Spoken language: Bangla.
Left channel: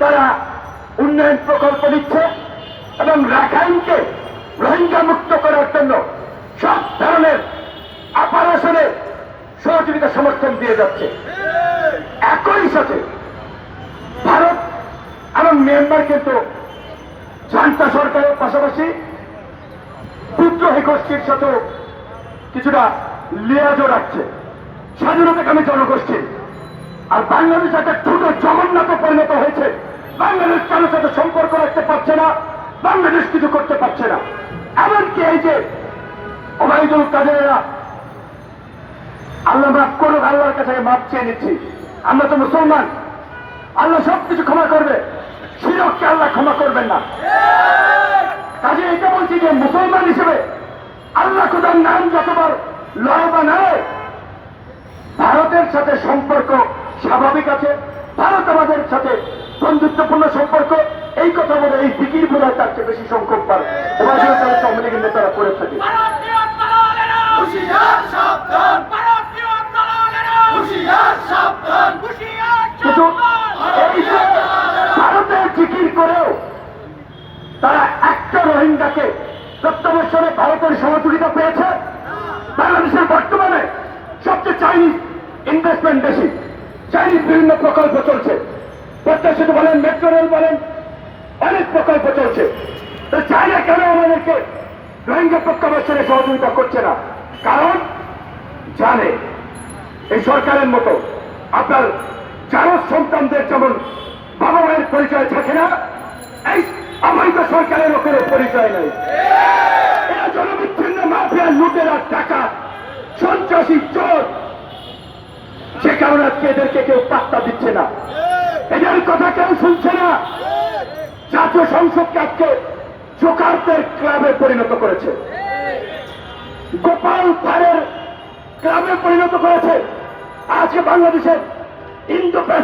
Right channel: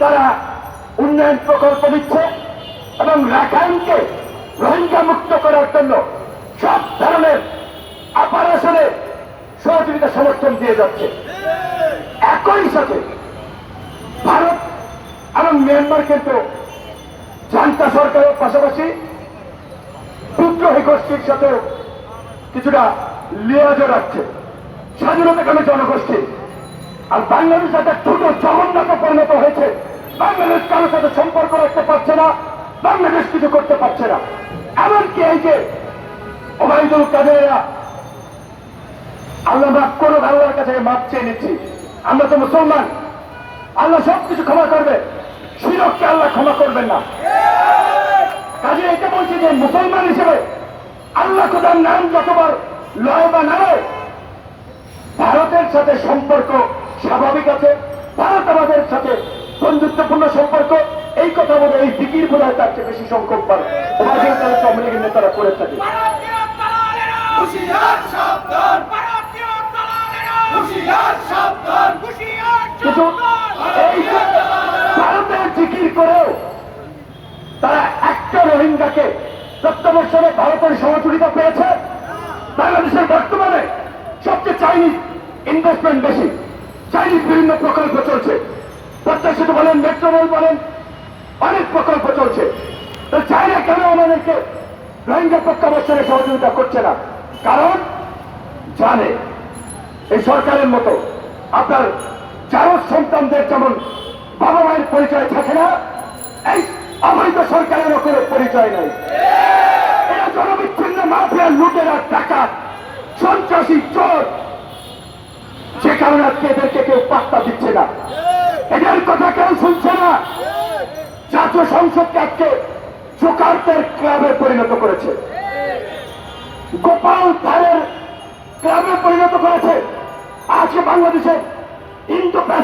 তারা উন্নয়ন প্রকল্প দিচ্ছে এবং রাখাইনকে রোহিঙ্গা মুক্ত করার জন্য সব ধরনের অপারেশনে সহযোগিতা সমর্থন দিয়ে যাচ্ছে। একই সাথে ভারত এবং মিয়ানমার কিন্তু জান্তা সরকারের পাশাপাশি বিদ্রোহী গোষ্ঠীর সাথেও কিছুটা লিয়াজও রাখছে। স্বাধীনতাকামী জনগোষ্ঠী। আর বাংলাদেশ একটা হয়েছে কারোর সাথে সম্পর্ক রাখতে পারছে না, বাংলাদেশ কিছু করতে পারছে না। এমনকি এই যে ওবায়দুল কাদেরা আল্লাহ মাফ করুক, আল্লাহর কাছে মাপ চেয়ে নিচ্ছি। আমরা তো মুসলমান। আল্লাহ সব কিছু ক্ষমা করবে। শিরককে আল্লাহ ক্ষমা করবেন না। কাজে এটা বলছি যে মুসলমান হিসেবে আল্লাহ খোদার নাম যতবার লয় বা নাড়ে ভারতের সাথে সম্পর্ক স্বাভাবিক আছে ভারত আমাদের সাথে বন্ধুত্বপূর্ণ সম্পর্ক এই কথা বলে এই দিকির বোঝায় তার চেয়ে বেশি সংখ্যক বার করে থাকে। ভারতীয় দালালেরা হুঁশিয়ার সাবধান। হুঁশিয়ার কিন্তু ভারতের জিকির করেও তারা একটা রোহিঙ্গাকে প্রত্যাবর্ষণে ভারতের সহযোগিতা পেয়েছে। বাংলাদেশের বর্তমানে সবচেয়ে চাইনিজ ইনভেস্টমেন্ট বেশি। চাইনিজ বিভিন্ন প্রকল্প চলছে। পদ্মা সেতু বলেন মেট্রো রেল বলেন, অনেক প্রকল্প চলছে। তো কেন আমাদেরকে রোহিঙ্গা প্রত্যাবর্ষণে সহযোগিতা করছে না? কারণ জানে, এই সরকারের মতো আপনার চারো সন্তানদের যেমন বাবা মায়ের পরিচয় থাকে না, এই অবৈধ সরকারের লোকের পরিচয় নেই। এরা জনবিচ্ছিন্ন মাফিয়া, লুটেরা টাকা সন্ত্রাসী, চোর। সে কারণে আজকে এদেরকে কেউ পাত্তা দিচ্ছে না। এদের কথা কেউ শুনছে না। জাতীয় সংসদকে আজকে জোকারদের ক্লাবে পরিণত করেছে। গোপাল ধারের ক্লাবে পরিণত করেছে। আজকে বাংলাদেশের ইন্দো